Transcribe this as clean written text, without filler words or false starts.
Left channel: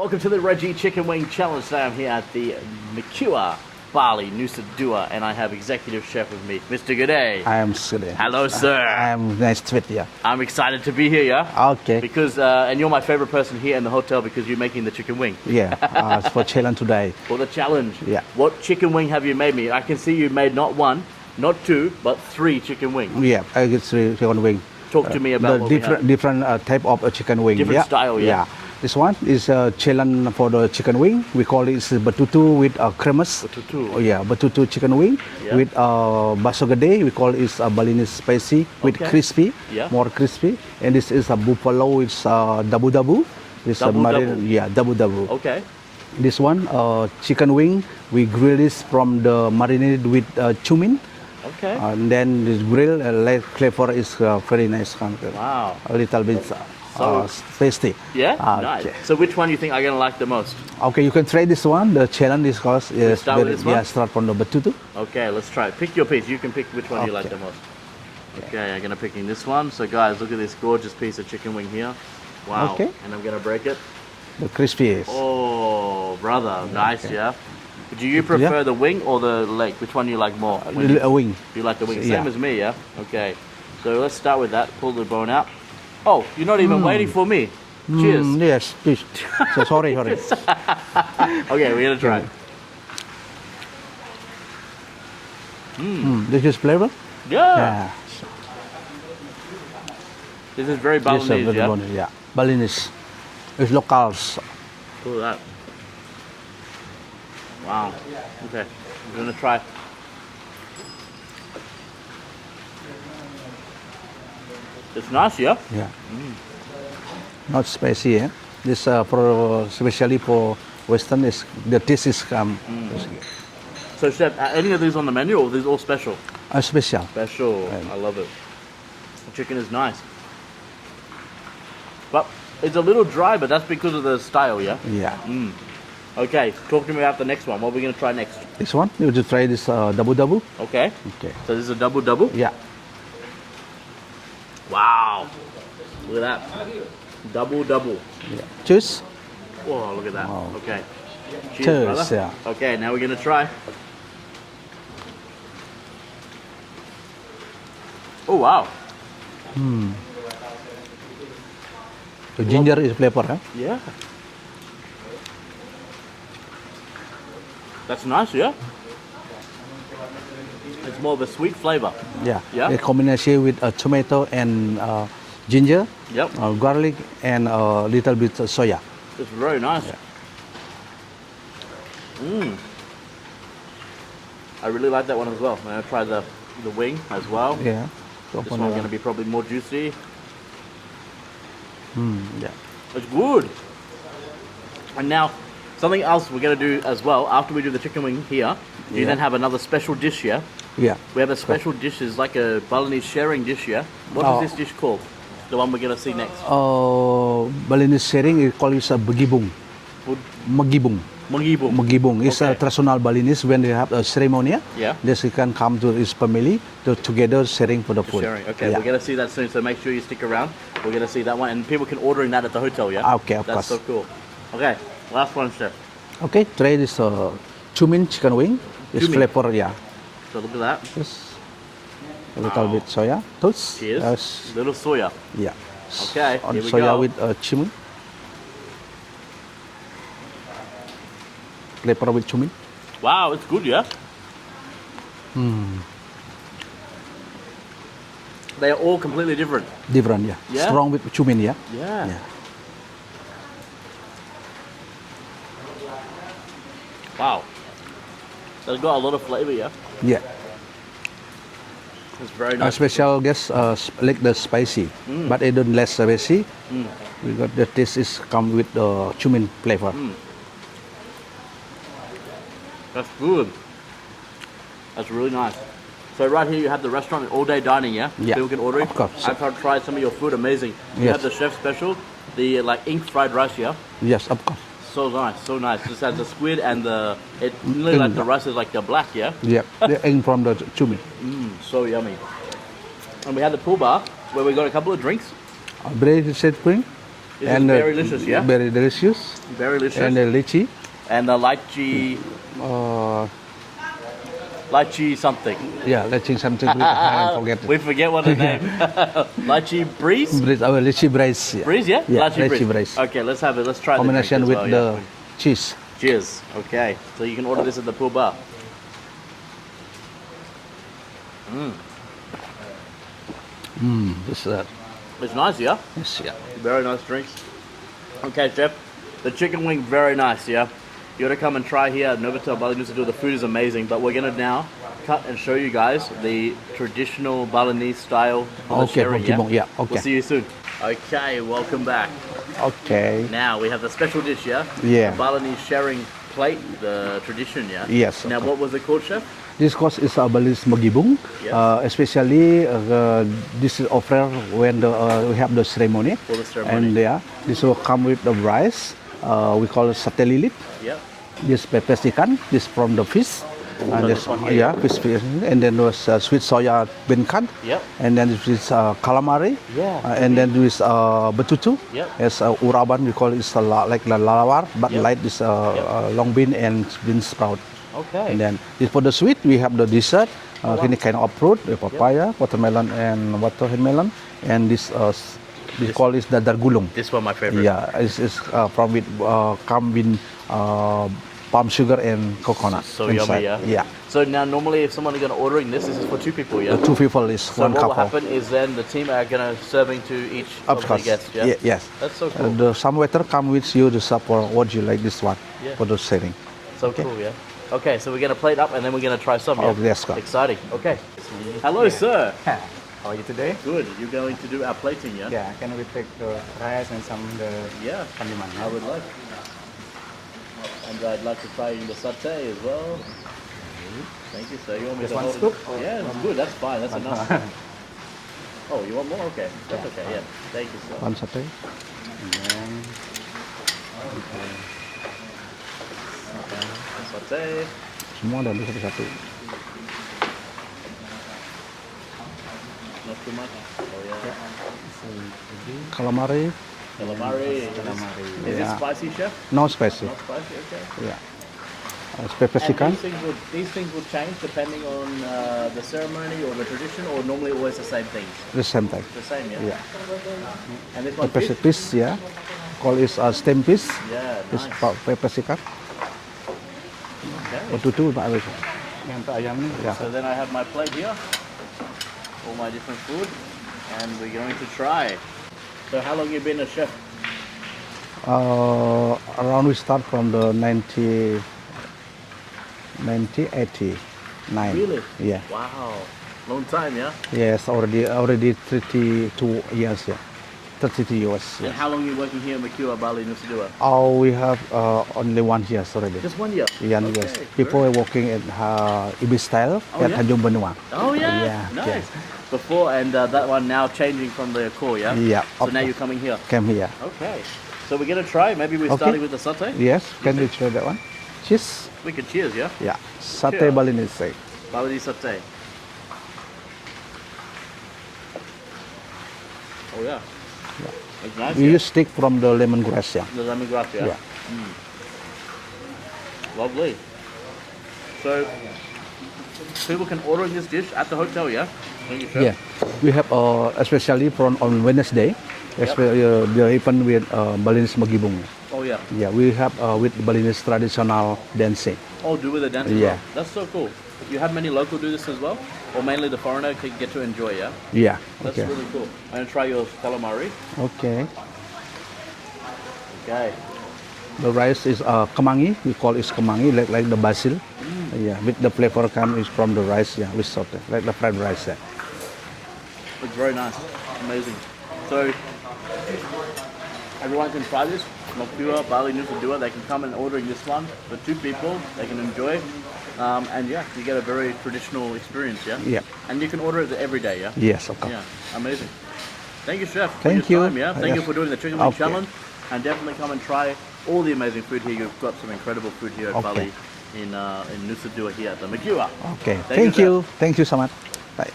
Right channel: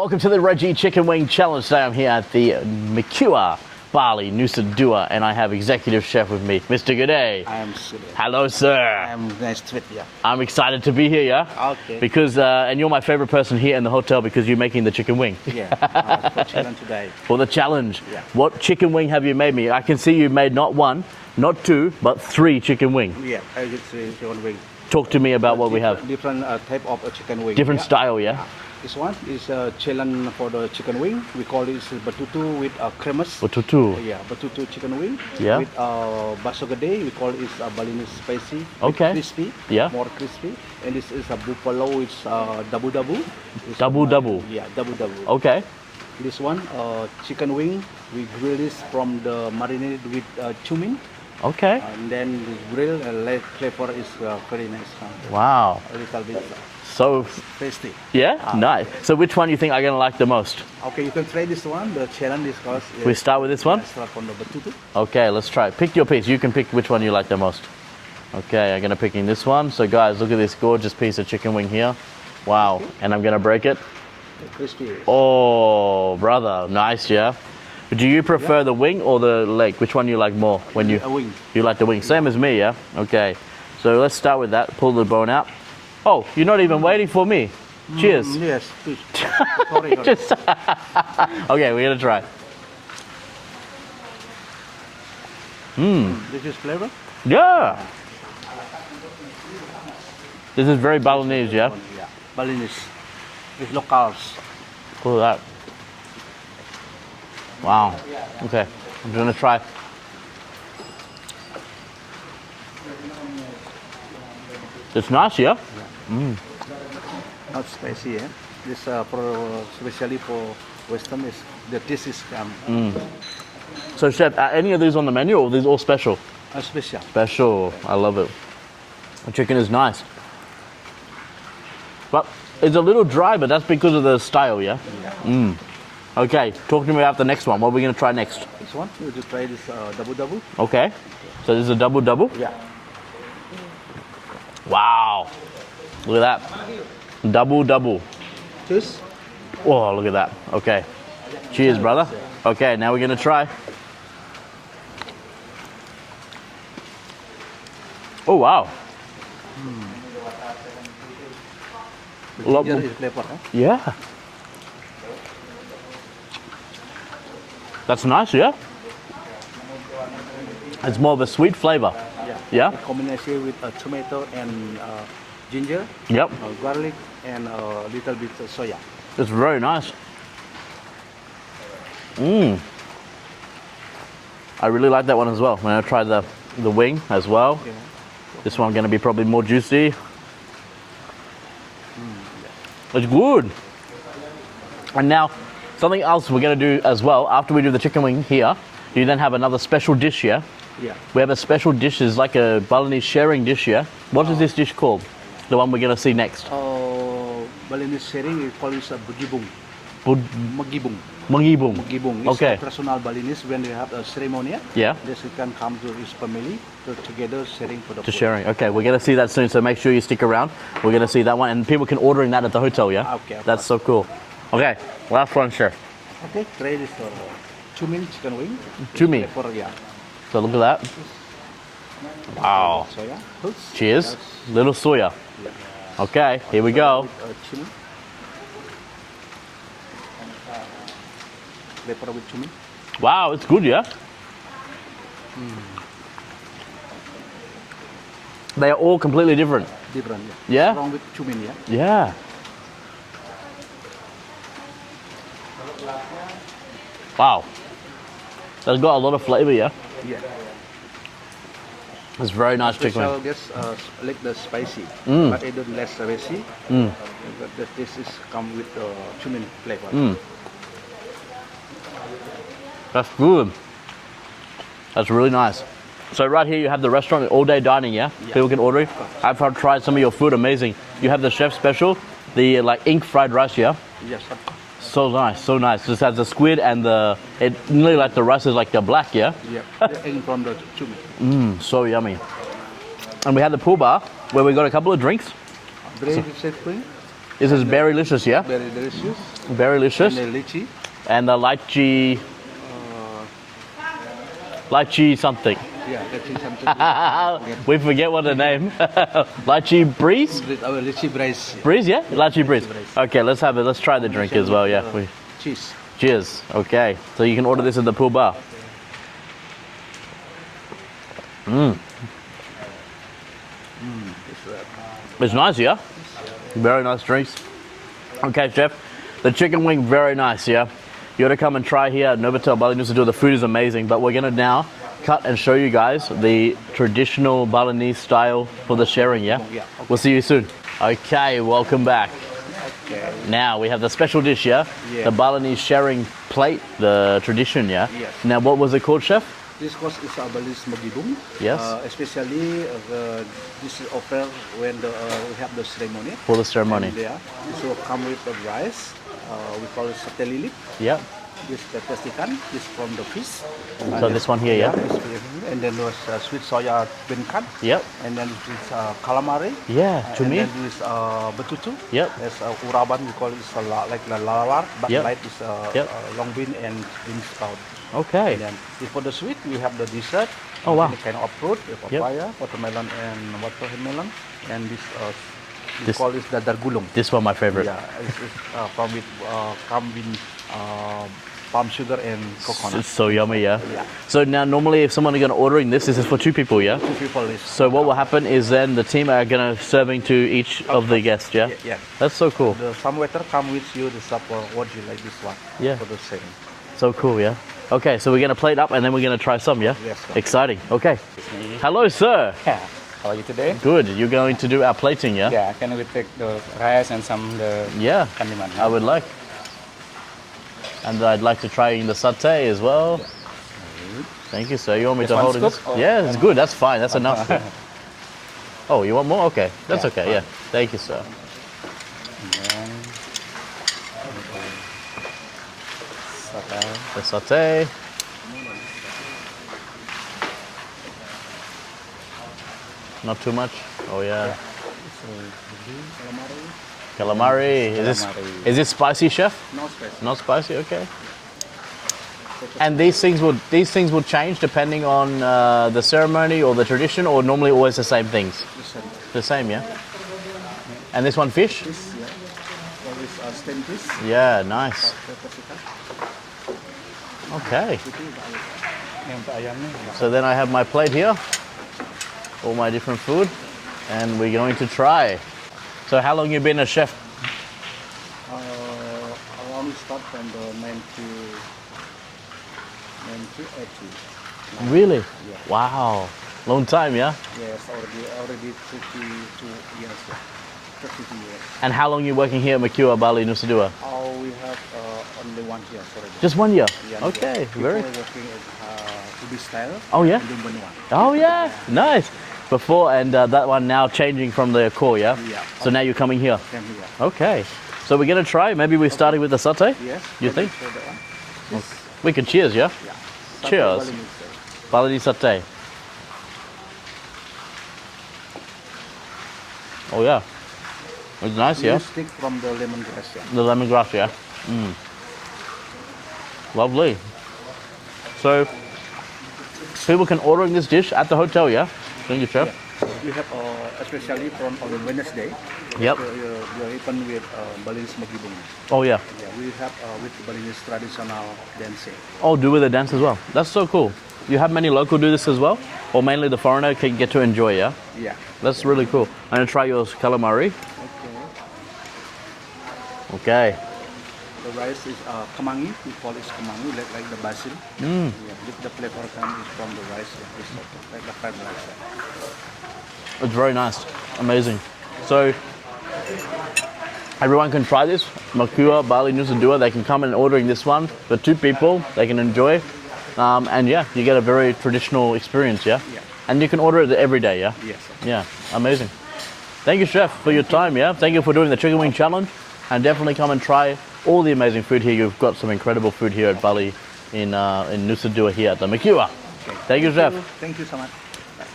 Welcome to the Redgie Chicken Wing Challenge. Today I'm here at the Mercure Bali Nusa Dua, and I have Executive Chef with me, Mr. Gede. I am Gede. Hello, sir. I am nice to meet you. I'm excited to be here, yeah? Okay. Because, and you're my favorite person here in the hotel because you're making the chicken wing. Yeah, it's for challenge today. For the challenge. Yeah. What chicken wing have you made me? I can see you've made not one, not two, but three chicken wings. Yeah, I get three chicken wing. Talk to me about what we have. Different type of chicken wing. Different style, yeah. This one is a challenge for the chicken wing. We call it betutu with cremas. Betutu. Oh, yeah, betutu chicken wing with bakso gede. We call it Balinese spicy with crispy, more crispy. And this is a buffalo with dabu-dabu. Dabu-dabu? Yeah, dabu-dabu. Okay. This one, chicken wing, we grill this from the marinated with cumin. Okay. And then this grill light flavor is very nice. Wow. A little bit tasty. Yeah? Nice. Okay. So which one do you think I'm going to like the most? Okay, you can try this one. The challenge is called... We start with this one? Yeah, start from the betutu. Okay, let's try it. Pick your piece. You can pick which one you like the most. Okay, I'm going to pick in this one. So guys, look at this gorgeous piece of chicken wing here. Wow. Okay. And I'm going to break it. The crispy is. Oh, brother. Nice, yeah? Do you prefer the wing or the leg? Which one do you like more? When a wing. You like the wing. Same as me, yeah? Okay. So let's start with that. Pull the bone out. Oh, you're not even waiting for me. Cheers. Yes, please. So sorry. Okay, we're going to try it. This is flavor? Yeah. This is very Balinese, yes, yeah? Balinese. It's locals. Look at that. Wow. Okay, I'm going to try. It's nice, yeah? Yeah. Not spicy, eh? This for especially for Western is the taste is So, chef, are any of these on the menu, or are these all special? Special. Special. I love it. The chicken is nice, but it's a little dry. But that's because of the style, yeah. Yeah. Okay, talk to me about the next one. What are we going to try next? This one, you just try this dabu-dabu. Okay. So this is a dabu-dabu? Yeah. Wow. Look at that. Dabu-dabu. Yeah. Cheers. Oh, look at that. Okay. Cheers, brother. Yeah. Okay, now we're going to try. Oh, wow. The ginger is flavor, huh? Yeah. That's nice, yeah? It's more of a sweet flavor. Yeah. Yeah? The combination with tomato and ginger, garlic, and a little bit of soya. It's very nice. I really like that one as well. I'm going to try the wing as well. Yeah. This one's going to be probably more juicy. Yeah. It's good. And now, something else we're going to do as well, after we do the chicken wing here, you then have another special dish here. Yeah. We have a special dish, it's like a Balinese sharing dish here. What is this dish called? The one we're going to see next. Balinese sharing, it calls it bagibong. Magibong. Magibong. Magibong. It's a traditional Balinese when they have a ceremony. Yeah. This he can come to his family to together sharing for the food. Sharing. Okay, we're going to see that soon, so make sure you stick around. We're going to see that one, and people can order in that at the hotel, yeah? Okay, of That's course. so cool. Okay, last one, chef. Okay, try this cumin chicken wing. This flavor, yeah. So look at that. Just a little bit soya. Toast. Cheers. Yes. Little soya. Yeah. Okay, here we soya go. With cumin. Flavor with cumin. Wow, it's good, yeah? They are all completely different. Different, yeah. Yeah? Strong with cumin, yeah. Yeah. Wow. That's got a lot of flavor, yeah? Yeah. It's very nice. Special guess like the spicy, but it don't less spicy. Because the taste is come with the cumin flavor. That's good. That's really nice. So right here you have the restaurant, all day dining, yeah? Yeah. People can order it. Of course. I've tried some of your food, amazing. You have the chef special, the like ink fried rice, yeah? Yes, of course. So nice, so nice. This has the squid and it really like the rice is like the black, yeah? Yeah, the ink from the cumin. So yummy. And we have the pool bar where we got a couple of drinks. Braised set wing. This is very delicious, yeah? Very delicious. Very delicious. And the lychee. And the lychee... lychee something. Yeah, lychee something. I forget. We forget what the name. Lychee breeze? Lychee breeze. Yeah. Breeze, yeah? Yeah, lychee breeze. Okay, let's have it. Let's try the drink as well. Yeah. Cheese. Cheers. Okay. So you can order this at the pool bar. It's nice, yeah? Yes, yeah. Very nice drinks. Okay, Chef. The chicken wing, very nice, yeah? You gotta come and try here at Novotel Bali Nusa Dua. The food is amazing, but we're gonna now cut and show you guys the traditional Balinese style for the sharing, yeah? Yeah, okay. We'll see you soon. Okay, welcome back. Okay. Now we have the special dish, yeah? Yeah. The Balinese sharing plate, the tradition, yeah? Yes. Now what was it called, Chef? This course is a Balinese magibung. Yes. Especially this is offered when we have the ceremony. For the ceremony. And yeah, this will come with the rice. We call it sate lilit. Yeah. This pepper ikan. This from the fish. So this one here, yeah, fish. And then was sweet soya bean. Yep. And then this is calamari. Yeah. And then there is betutu. Yep. As uraban, we call it like lalawar, but Yep. like this long bean and bean sprout. Okay. And then for the sweet, we have the dessert. Oh, wow. Any kind of fruit, the papaya, watermelon, and watermelon. And this call is dadar gulung. This one my favorite. Yeah, it's from with come with palm sugar and coconut. So inside. yummy, yeah? Yeah. So now normally if someone is going to ordering this is for 2 people, yeah? 2 people is So one what will couple. happen is then the team are going to serving to each of the course. guests, yeah? Yes. That's so cool. Some waiter come with you to support what you like this one for the sharing. So cool, yeah? Okay, so we're going to plate up and then we're going to try some, yeah? Yes, go. Exciting. Okay. Hello, sir. How are you today? Good. You're going to do our plating, yeah? Yeah, can we take the rice and some the Yeah. kandiman? I would like. And I'd like to try the satay as well. Thank you, sir. You want me This to hold one's it? good? Yeah, it's good. That's fine. That's enough. Oh, you want more? Okay. That's Yeah, okay, fine. yeah. Thank you, sir. One satay. And then okay. Satay. The satay. Semua ada di satu-satu. Not too much. Oh, yeah. Calamari, Calamari. Calamari, Is this yeah. spicy, chef? no spicy. Not spicy, okay. Yeah. Pepper And ikan. these things will change depending on the ceremony or the tradition, or normally always the same things. The same type. The same, yeah. Yeah. And this one, Pepper fish. fish, yeah. Call is steamed fish. Yeah, nice. Pepper ikan. Okay. Tutu Pak Arif. Yang untuk ayam ni. Ya. So then I have my plate here, all my different food, and we're going to try. So how long you been a chef? Around we start from the 1989. Really? Yeah. Wow. Long time, yeah? Yes, already 32 years. Yeah. 32 years. And how long you working here at Mercure Bali Nusa Dua? Oh, we have only 1 year already. Just 1 year? Yeah, Okay. yes. People are working at Ibis style Oh, at yeah? Tanjung Benua. Oh, yeah. Yeah, Nice. Before, and that one now changing from the Accor, yeah? Yeah. So now you're coming here? Came here. Okay. So we're going to try. Maybe we're starting with the satay? Yes, You can you think? try that one? Cheese. We could cheers, yeah? Yeah. Satay Cheers. Balinese. Balinese satay. Oh, yeah. It's nice, You yeah? stick from the lemongrass, yeah. The lemongrass, yeah? Yeah. Lovely. So, people can order this dish at the hotel, yeah? Thank you, chef. Yeah. We have especially from on Wednesday. Yep. They open with Balinese magibung. Oh, yeah. Yeah, we have with Balinese traditional dancing. Oh, do with the dance as Yeah. well. That's so cool. You have many local do this as well? Or mainly the foreigner can get to enjoy, yeah? Yeah. That's okay. really cool. I'm going to try your calamari. Okay. Okay. The rice is kemangi. We call it kemangi, like the basil. Yeah, with the flavor comes from the rice, yeah, with salt, like the fried rice. Yeah. It's very nice. Amazing. So, everyone can try this. Mercure Bali Nusa Dua. They can come and ordering this one for 2 people. They can enjoy. And yeah, you get a very traditional experience, yeah? Yeah. And you can order it every day, yeah? Yes, of course. Yeah, amazing. Thank you, chef, for your Thank you. time, yeah? Thank you for doing the chicken wing Okay. challenge. And definitely come and try all the amazing food here. You've got some incredible food here at Bali in Nusa Dua here at the Mercure. Okay. Thank you, chef. Thank you so much. Bye.